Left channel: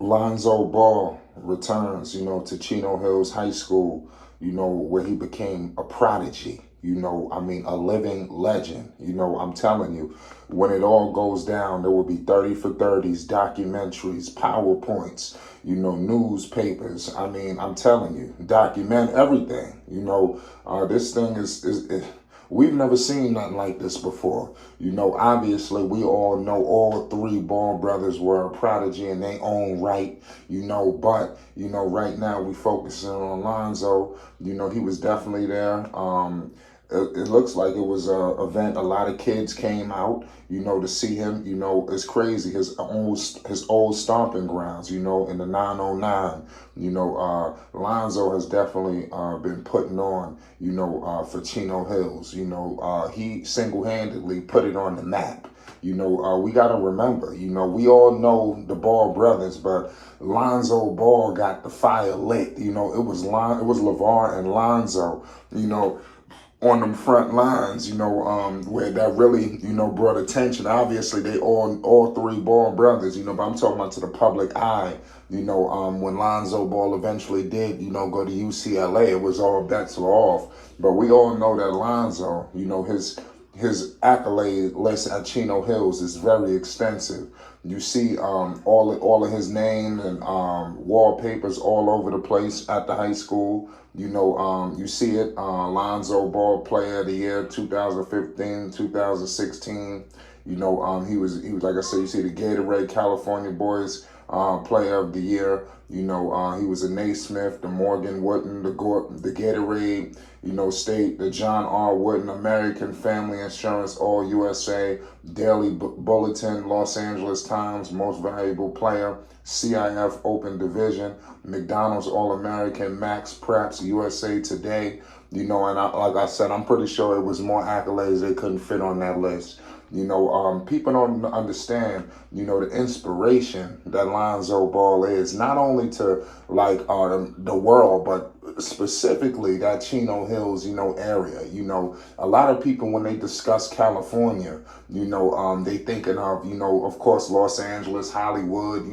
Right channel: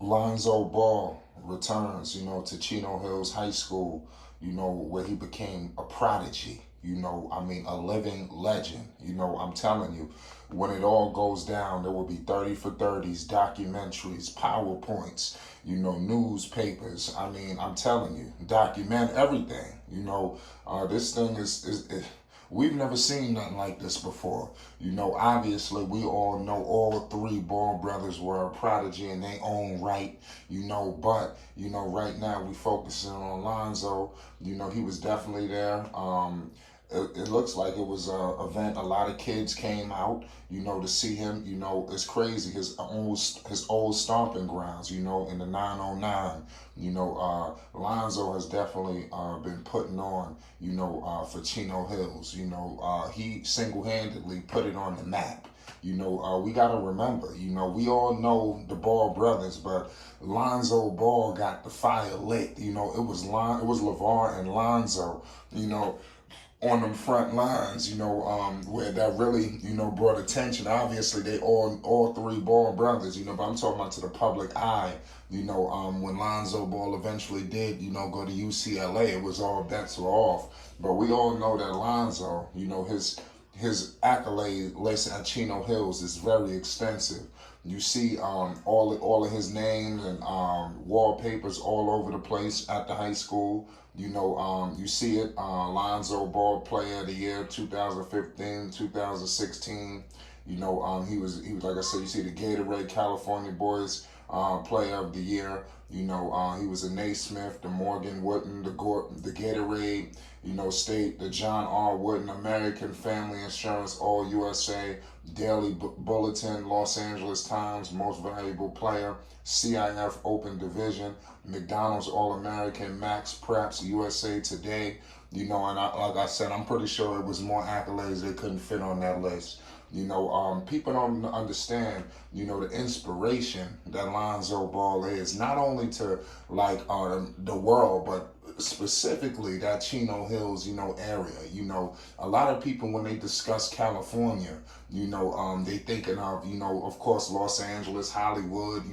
Lonzo Ball returns, to Chino Hills High School, where he became a prodigy, a living legend. I'm telling you, when it all goes down, there will be 30 for 30s, documentaries, PowerPoints, newspapers. I'm telling you, document everything. This thing is we've never seen nothing like this before. Obviously, we all know all three Ball brothers were a prodigy in their own right, but, right now we focusing on Lonzo. He was definitely there. It looks like it was a event. A lot of kids came out, to see him. It's crazy. His old stomping grounds, in the 909. Lonzo has definitely been putting on, for Chino Hills. He single-handedly put it on the map. We got to remember, we all know the Ball brothers, but Lonzo Ball got the fire lit. It was LeVar and Lonzo, on them front lines, where that really, brought attention. Obviously, they all three Ball brothers, but I'm talking about to the public eye. When Lonzo Ball eventually did, go to UCLA, it was all bets were off. But we all know that Lonzo, his accolade list at Chino Hills is very extensive. You see all of his name and wallpapers all over the place at the high school. You see it, Lonzo Ball Player of the Year 2015, 2016. He was like I said, you see the Gatorade California Boys Player of the Year. He was a Naismith, the Morgan Wooden, the Gatorade, State, the John R. Wooden American Family Insurance All USA, Daily Bulletin, Los Angeles Times Most Valuable Player, CIF Open Division, McDonald's All-American, Max Preps, USA Today. And like I said, I'm pretty sure it was more accolades they couldn't fit on that list. People don't understand, the inspiration that Lonzo Ball is, not only to the world, but specifically that Chino Hills, area. A lot of people, when they discuss California, they thinking of course, Los Angeles, Hollywood,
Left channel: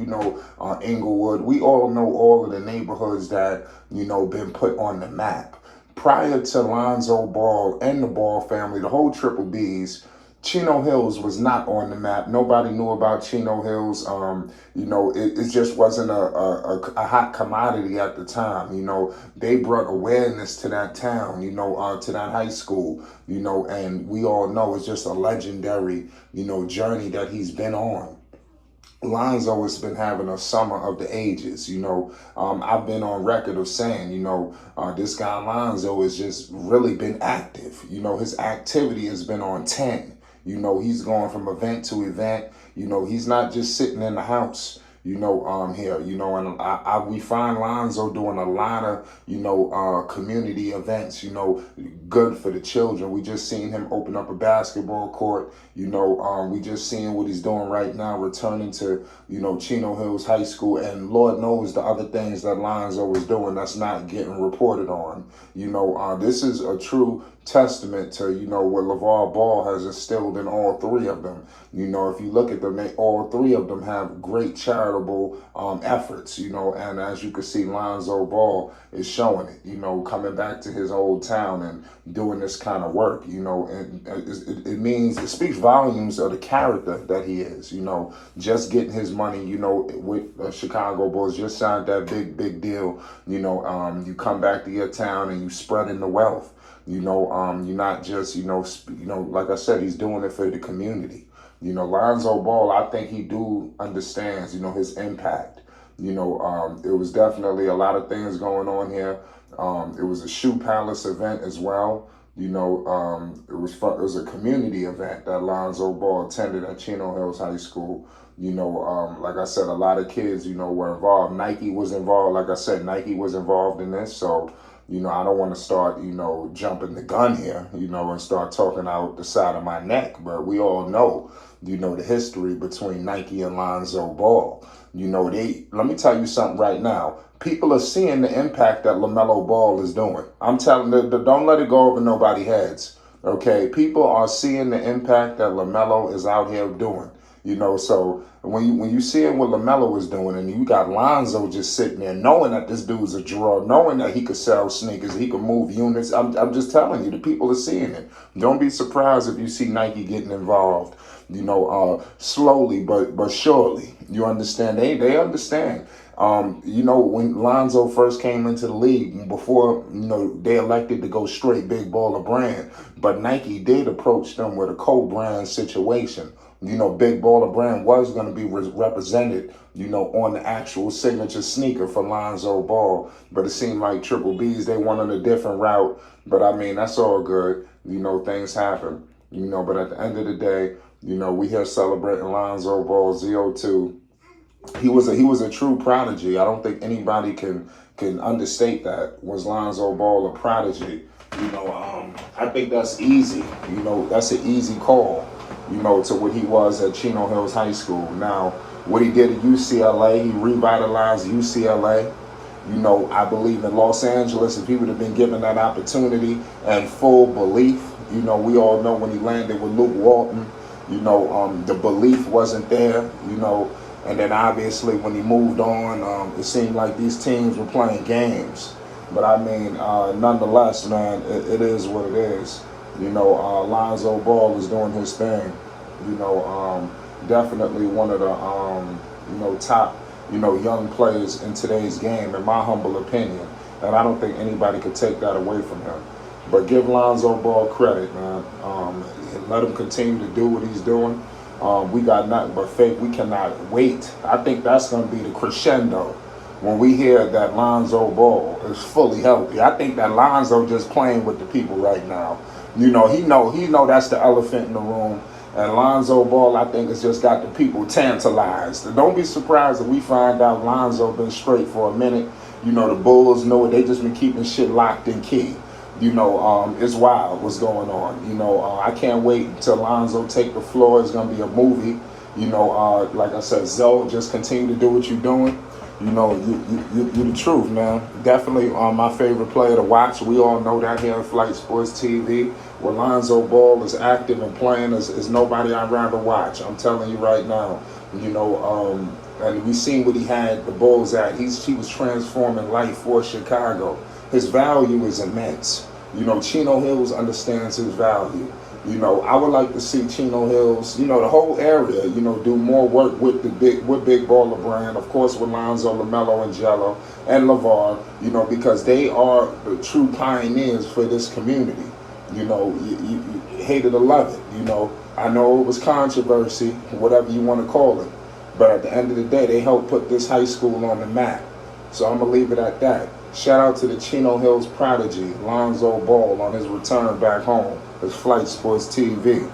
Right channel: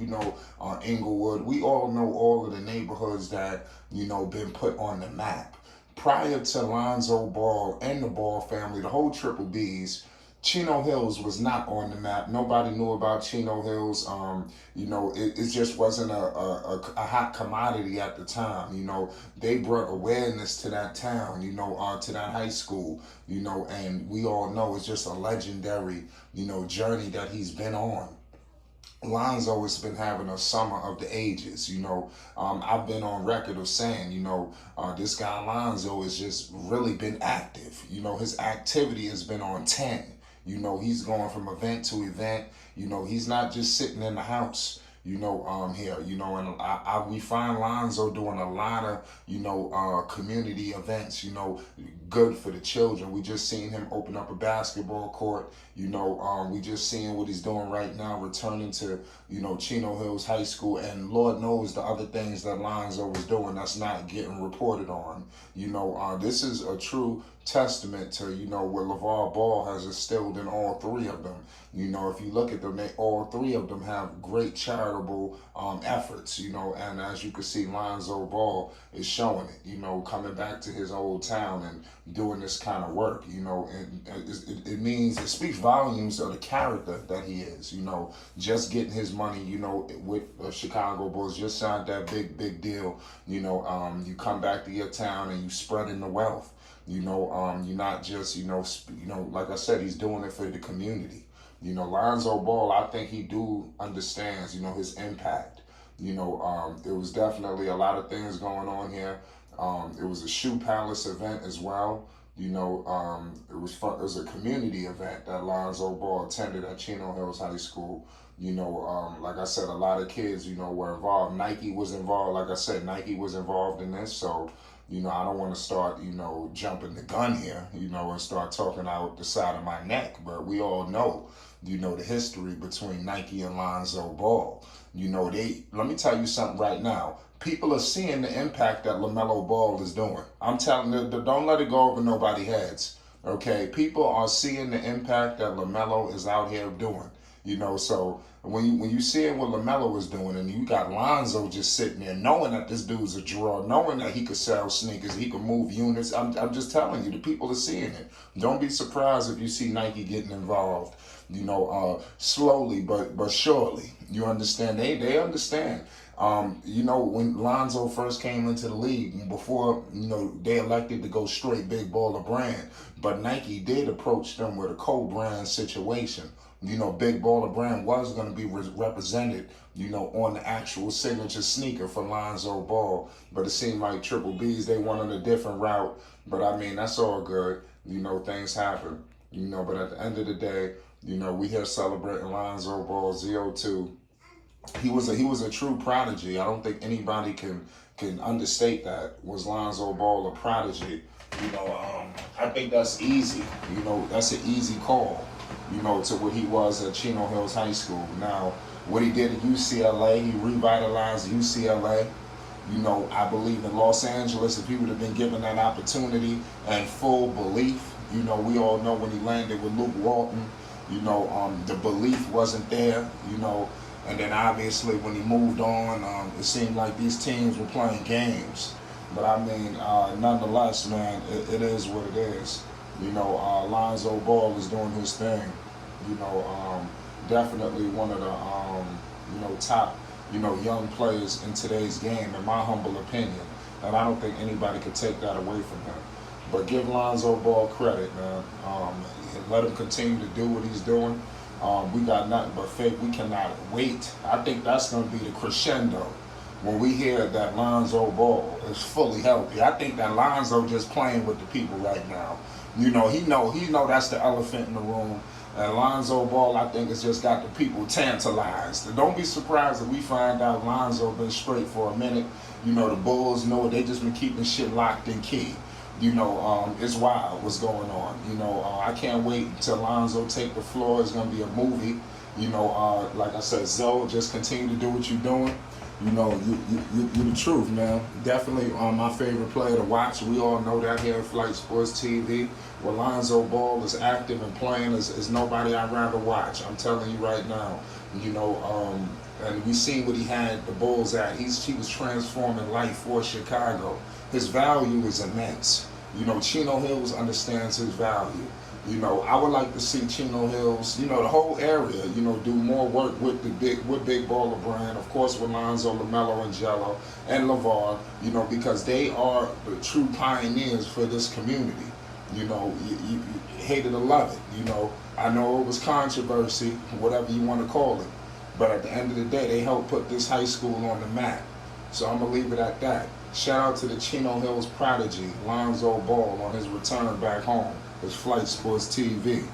Inglewood. We all know all of the neighborhoods that, been put on the map. Prior to Lonzo Ball and the Ball family, the whole Triple Bs, Chino Hills was not on the map. Nobody knew about Chino Hills. It just wasn't a hot commodity at the time. They brought awareness to that town, to that high school, and we all know it's just a legendary, journey that he's been on. Lonzo has been having a summer of the ages. I've been on record of saying, this guy Lonzo has just really been active. His activity has been on 10. He's going from event to event. He's not just sitting in the house, here, and we find Lonzo doing a lot of, community events, good for the children. We just seen him open up a basketball court, we just seeing what he's doing right now, returning to, Chino Hills High School, and Lord knows the other things that Lonzo is doing that's not getting reported on. This is a true testament to, what LeVar Ball has instilled in all three of them. If you look at them, all three of them have great charitable efforts, and as you can see, Lonzo Ball is showing it, coming back to his old town and doing this kind of work, and it speaks volumes of the character that he is, just getting his money, with the Chicago Bulls, just signed that big deal, you come back to your town and you spreading the wealth. You're not just, like I said, he's doing it for the community. Lonzo Ball, I think he understands, his impact. It was definitely a lot of things going on here. It was a Shoe Palace event as well. It was a community event that Lonzo Ball attended at Chino Hills High School. Like I said, a lot of kids, were involved. Nike was involved. Like I said, Nike was involved in this. So, I don't want to start, jumping the gun here, and start talking out the side of my neck. But we all know, the history between Nike and Lonzo Ball. Let me tell you something right now. People are seeing the impact that LaMelo Ball is doing. I'm telling you, don't let it go over nobody's heads. Okay, people are seeing the impact that LaMelo is out here doing. You know, so when you see what LaMelo was doing, and you got Lonzo just sitting there, knowing that this dude's a draw, knowing that he could sell sneakers, he could move units. I'm just telling you, the people are seeing it. Don't be surprised if you see Nike getting involved. You know, slowly but surely. You understand? They understand. You know, when Lonzo first came into the league, before, you know, they elected to go straight big baller brand, but Nike did approach them with a co-brand situation. You know, big baller brand was going to be represented, you know, on the actual signature sneaker for Lonzo Ball, but it seemed like Triple B's, they wanted a different route. But I mean, that's all good. You know, things happen. You know, but at the end of the day, you know, we here celebrating Lonzo Ball ZO2. He was a true prodigy. I don't think anybody can understate that. Was Lonzo Ball a prodigy? You know, I think that's easy. You know, that's an easy call. You know, to what he was at Chino Hills High School. Now, what he did at UCLA, he revitalized UCLA. You know, I believe in Los Angeles, if he would have been given that opportunity and full belief, you know, we all know when he landed with Luke Walton, you know, the belief wasn't there, you know, and then obviously when he moved on, it seemed like these teams were playing games. But I mean, nonetheless, man, it is what it is. You know, Lonzo Ball is doing his thing. You know, definitely one of the, you know, top, you know, young players in today's game, in my humble opinion. And I don't think anybody could take that away from him. But give Lonzo Ball credit, man. Let him continue to do what he's doing. We got nothing but faith. We cannot wait. I think that's going to be the crescendo when we hear that Lonzo Ball is fully healthy. I think that Lonzo just playing with the people right now. You know, he know that's the elephant in the room. And Lonzo Ball, I think, has just got the people tantalized. And don't be surprised if we find out Lonzo been straight for a minute. You know, the Bulls know it. They just been keeping shit locked in key. You know, it's wild what's going on. You know, I can't wait until Lonzo take the floor. It's going to be a movie. You know, like I said, Zoe, just continue to do what you're doing. You know, you the truth, man. Definitely my favorite player to watch. We all know that here on Flight Sports TV. Where Lonzo Ball is active and playing is nobody I'd rather watch. I'm telling you right now. You know, and we seen what he had the Bulls at. He was transforming life for Chicago. His value is immense. You know, Chino Hills understands his value. You know, I would like to see Chino Hills, you know, the whole area, you know, do more work with big baller brand, of course, with Lonzo, LaMelo, and Jello, and LeVar, you know, because they are the true pioneers for this community. You know, you hate it or love it. You know, I know it was controversy, whatever you want to call it, but at the end of the day, they helped put this high school on the map. So I'm going to leave it at that. Shout out to the Chino Hills Prodigy, Lonzo Ball, on his return back home. It's Flight Sports TV.